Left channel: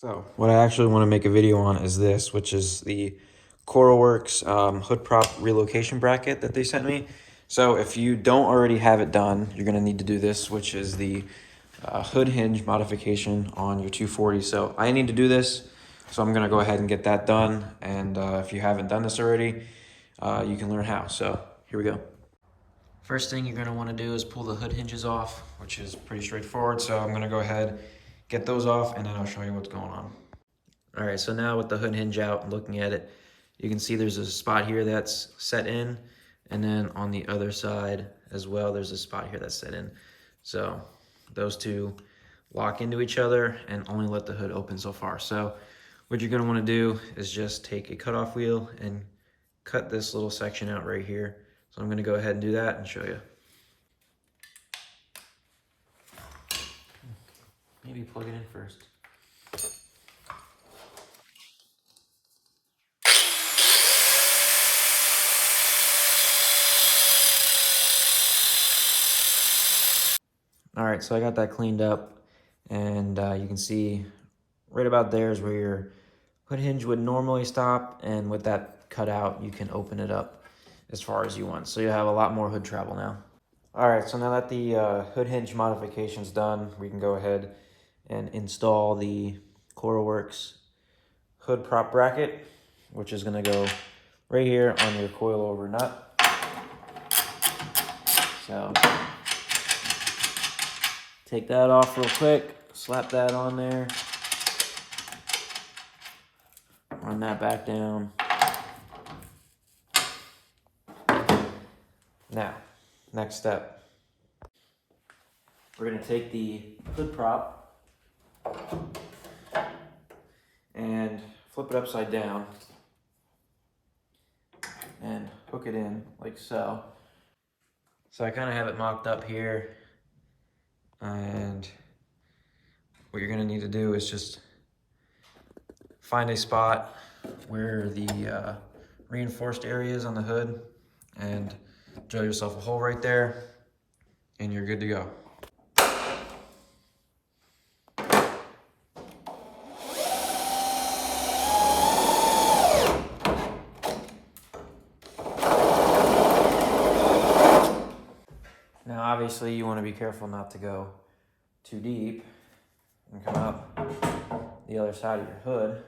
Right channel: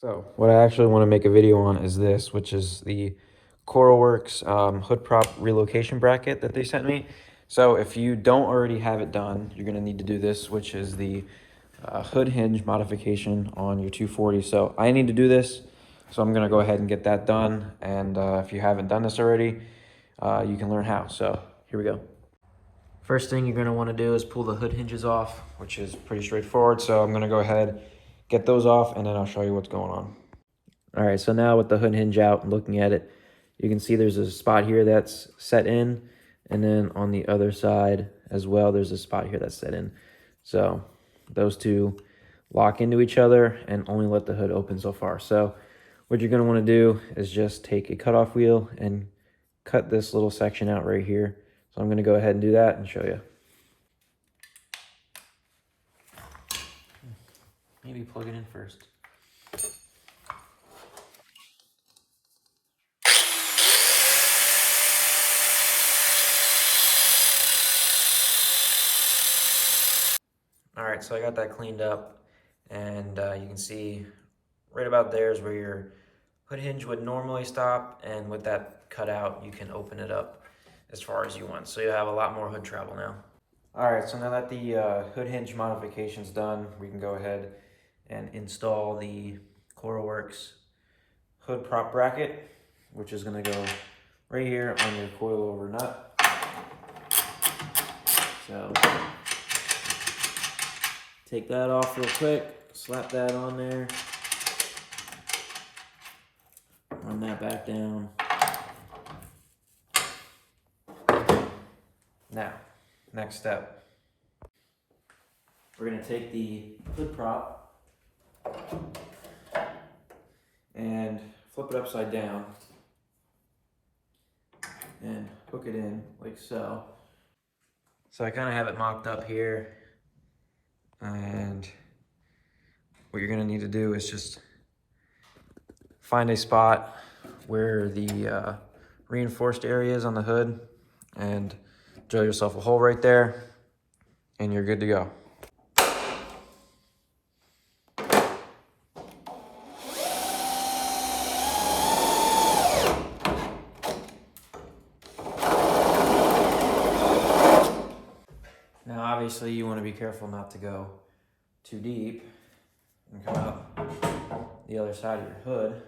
So what I actually want to make a video on is this, which is the KoruWorks hood prop relocation bracket that they sent me. So if you don't already have it done, you're going to need to do this, which is the hood hinge modification on your 240. So I need to do this, so I'm going to go ahead and get that done. And if you haven't done this already, you can learn how. So here we go. First thing you're going to want to do is pull the hood hinges off, which is pretty straightforward. So I'm going to go ahead, get those off, and then I'll show you what's going on. All right, so now with the hood hinge out and looking at it, you can see there's a spot here that's set in, and then on the other side as well, there's a spot here that's set in. So those two lock into each other and only let the hood open so far. So what you're going to want to do is just take a cutoff wheel and cut this little section out right here. So I'm going to go ahead and do that and show you. Maybe plug it in first. All right, so I got that cleaned up, and you can see right about there is where your hood hinge would normally stop, and with that cut out, you can open it up as far as you want. So you have a lot more hood travel now. All right, so now that the hood hinge modification's done, we can go ahead and install the KoruWorks hood prop bracket, which is gonna go right here on your coilover nut. So take that off real quick, slap that on there, run that back down. Now, next step. We're gonna take the hood prop and flip it upside down and hook it in like so. So I kind of have it mocked up here, and what you're gonna need to do is just find a spot where the reinforced area is on the hood and drill yourself a hole right there, and you're good to go. Now obviously you want to be careful not to go too deep and come up the other side of your hood.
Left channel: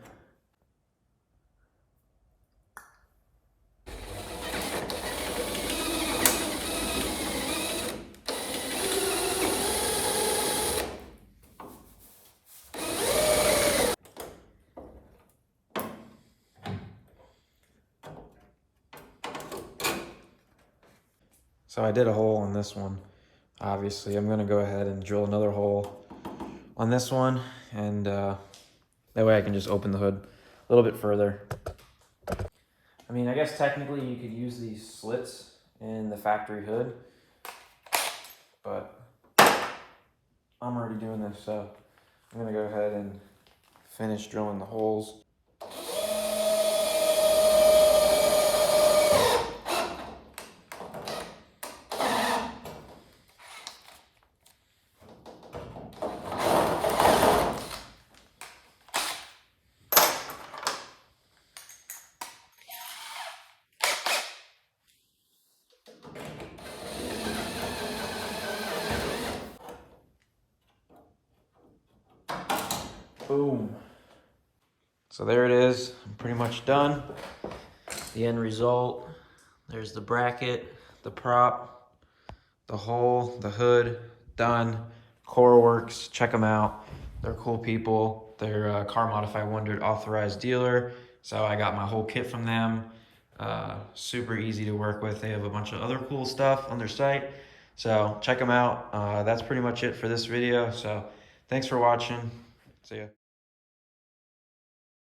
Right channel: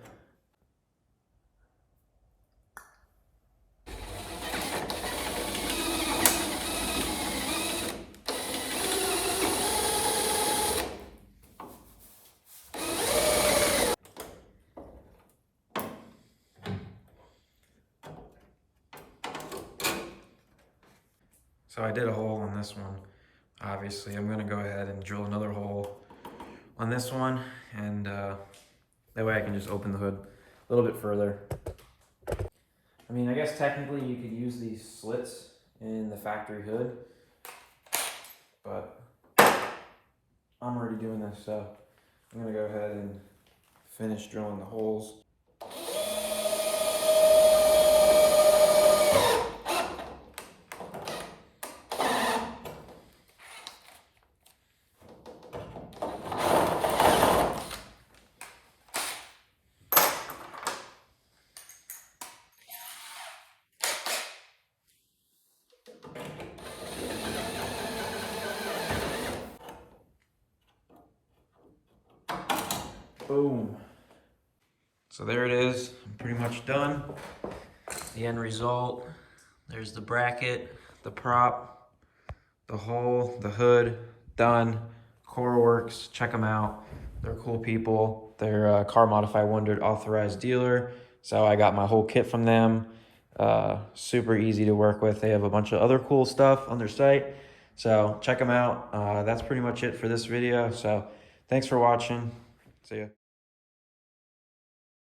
So I did a hole on this one. Obviously, I'm gonna go ahead and drill another hole on this one, and that way I can just open the hood a little bit further. I mean, I guess technically you could use these slits in the factory hood, but I'm already doing this, so I'm gonna go ahead and finish drilling the holes. Boom. So there it is. I'm pretty much done. The end result, there's the bracket, the prop, the hole, the hood, done. KoruWorks, check them out. They're cool people. They're Car Modify Wondered authorized dealer. So I got my whole kit from them. Super easy to work with. They have a bunch of other cool stuff on their site. So check them out. That's pretty much it for this video. So thanks for watching. See ya.